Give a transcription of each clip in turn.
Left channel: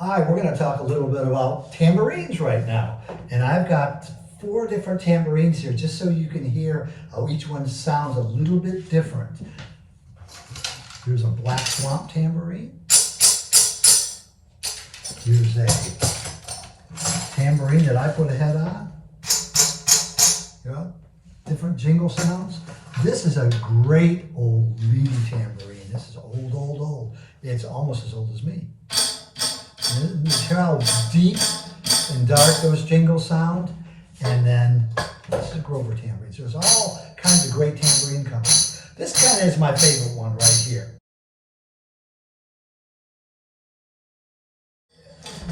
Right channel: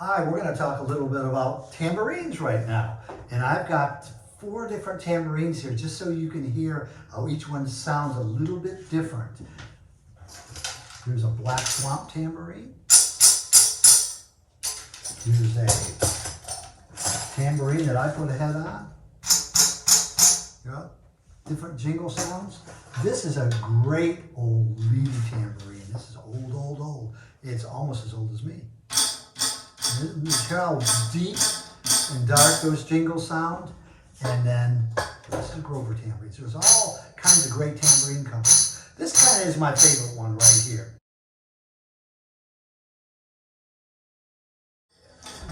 Hi, we're going to talk a little bit about tambourines right now. And I've got 4 different tambourines here just so you can hear how each one sounds a little bit different. Here's a black swamp tambourine. Here's a tambourine that I put a head on. Yeah, different jingle sounds. This is a great old reedy tambourine. This is old. It's almost as old as me. And hear how deep and dark those jingles sound. And then this is Grover tambourine. So there's all kinds of great tambourine companies. This kind of is my favorite one right here.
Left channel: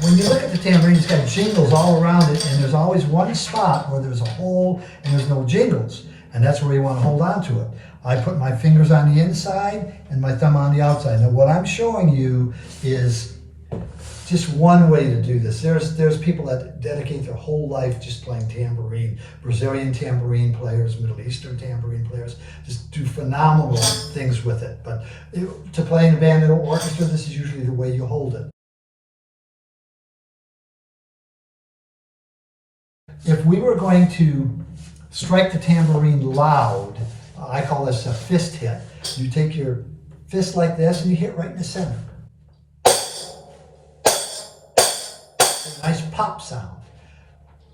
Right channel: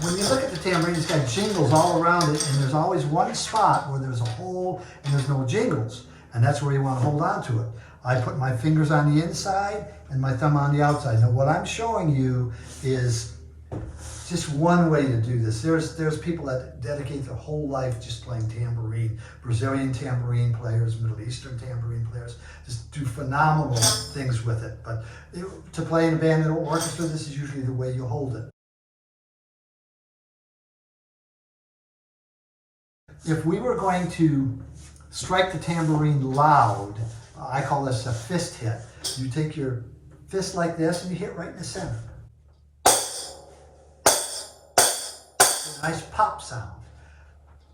When you look at the tambourine, it's got jingles all around it, and there's always one spot where there's a hole and there's no jingles, and that's where you want to hold on to it. I put my fingers on the inside and my thumb on the outside. Now what I'm showing you is just one way to do this. There's people that dedicate their whole life just playing tambourine. Brazilian tambourine players, Middle Eastern tambourine players, just do phenomenal things with it. But to play in a band or orchestra, this is usually the way you hold it. If we were going to strike the tambourine loud, I call this a fist hit. You take your fist like this and you hit right in the center. Nice pop sound.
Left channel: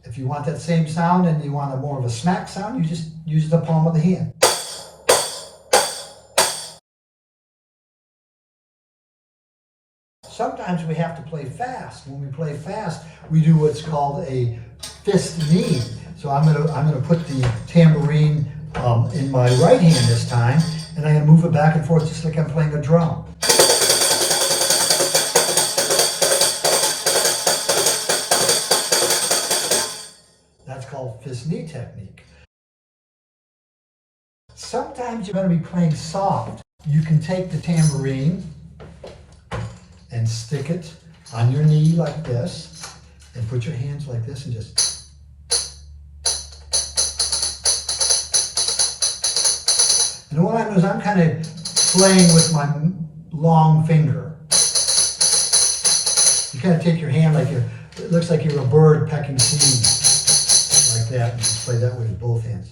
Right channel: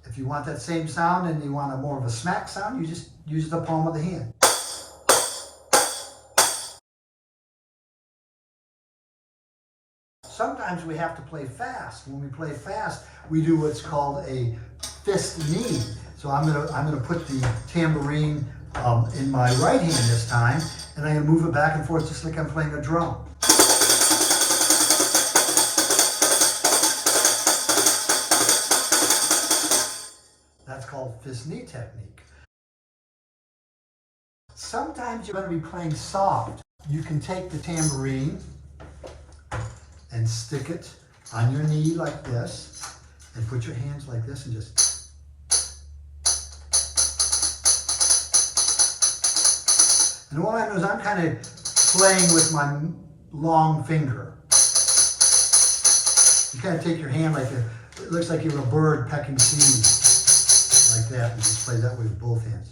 If you want that same sound and you want more of a smack sound, you just use the palm of the hand. Sometimes we have to play fast. When we play fast, we do what's called a fist knee. So I'm gonna put the tambourine in my right hand this time, and I'm gonna move it back and forth just like I'm playing a drum. That's called fist knee technique. Sometimes you're going to be playing soft. You can take the tambourine and stick it on your knee like this, and put your hands like this and just... And what I do is I'm kind of playing with my long finger. You kind of take your hand like it looks like you're a bird pecking seeds, like that, and just play that way with both hands.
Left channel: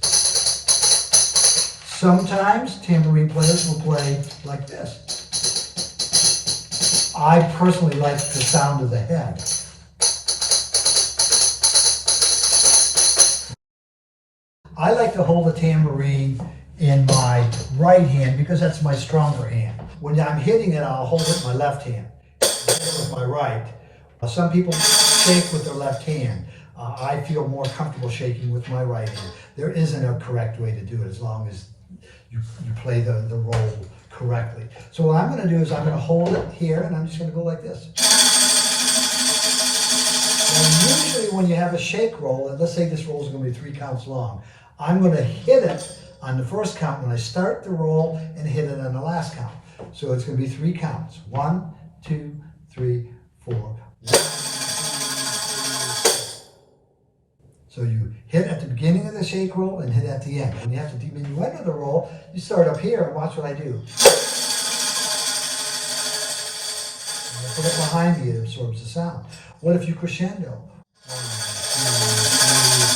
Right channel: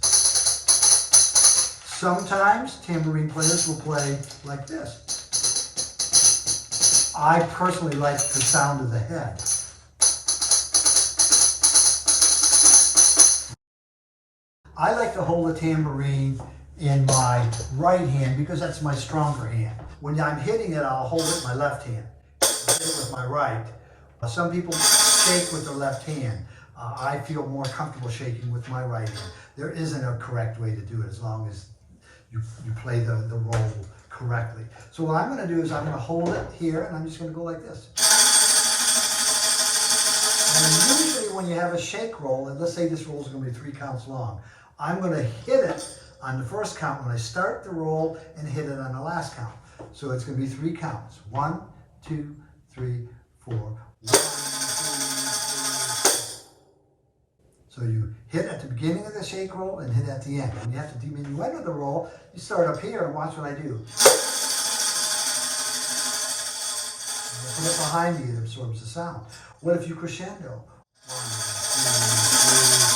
Sometimes tambourine players will play like this. I personally like the sound of the head. I like to hold the tambourine in my right hand because that's my stronger hand. When I'm hitting it, I'll hold it in my left hand. I hit it with my right. Some people shake with their left hand. I feel more comfortable shaking with my right hand. There isn't a correct way to do it as long as you play the role correctly. So what I'm going to do is I'm going to hold it here and I'm just going to go like this. And usually when you have a shake roll, and let's say this roll is going to be 3 counts long, I'm going to hit it on the first count when I start the roll and hit it on the last count. So it's going to be 3 counts. 1, 2, 3, 4. 1, 2, 3, 4. So you hit at the beginning of the shake roll and hit at the end. When you have to diminuendo the roll, you start up here and watch what I do. When I put it behind you, it absorbs the sound. What if you crescendo? 1, 2, 3,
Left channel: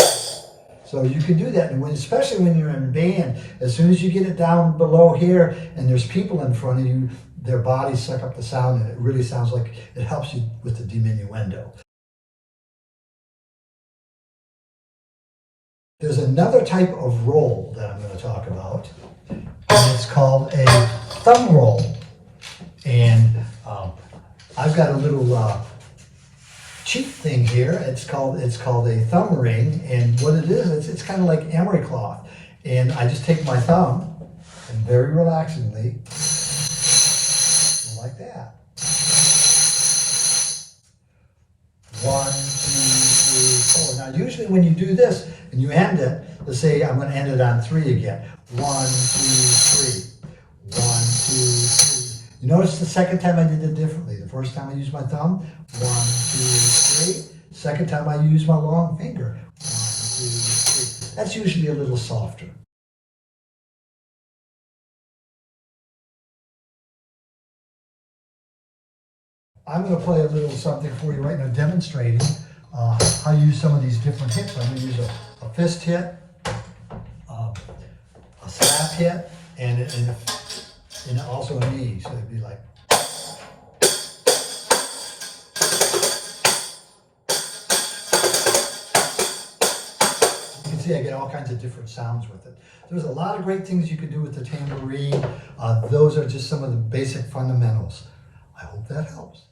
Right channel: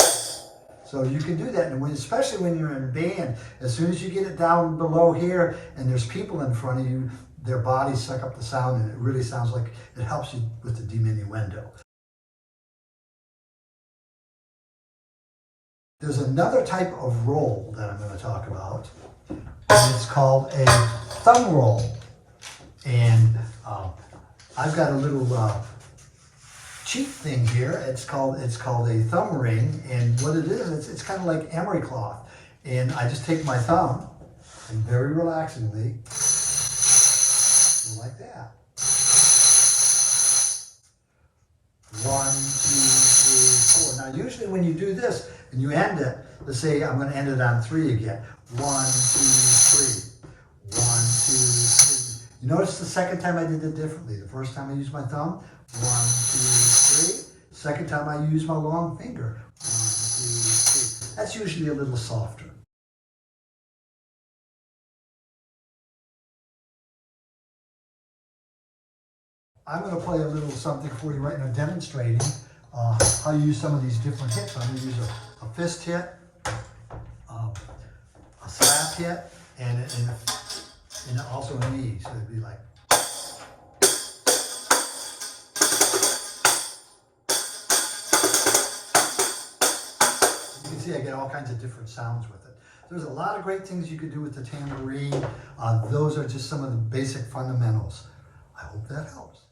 4. So you can do that, and especially when you're in band, as soon as you get it down below here and there's people in front of you, their bodies suck up the sound and it really sounds like it helps you with the diminuendo. There's another type of roll that I'm going to talk about, and it's called a thumb roll. And I've got a little cheap thing here. It's called a thumb ring, and what it is, it's kind of like emery cloth. And I just take my thumb and very relaxingly, like that. 1, 2, 3, 4. Now usually when you do this and you end it, let's say I'm going to end it on 3 again. 1, 2, 3. 1, 2, 3. You notice the second time I did it differently. The first time I used my thumb, 1, 2, 3. Second time I used my long finger, 1, 2, 3. That's usually a little softer. I'm going to play a little something for you right now, demonstrating how you use some of these different hits. I'm going to use a fist hit, a slap hit, and also a knee. So it'd be like. You can see I get all kinds of different sounds with it. There's a lot of great things you can do with the tambourine. Those are just some of the basic fundamentals. I hope that helps.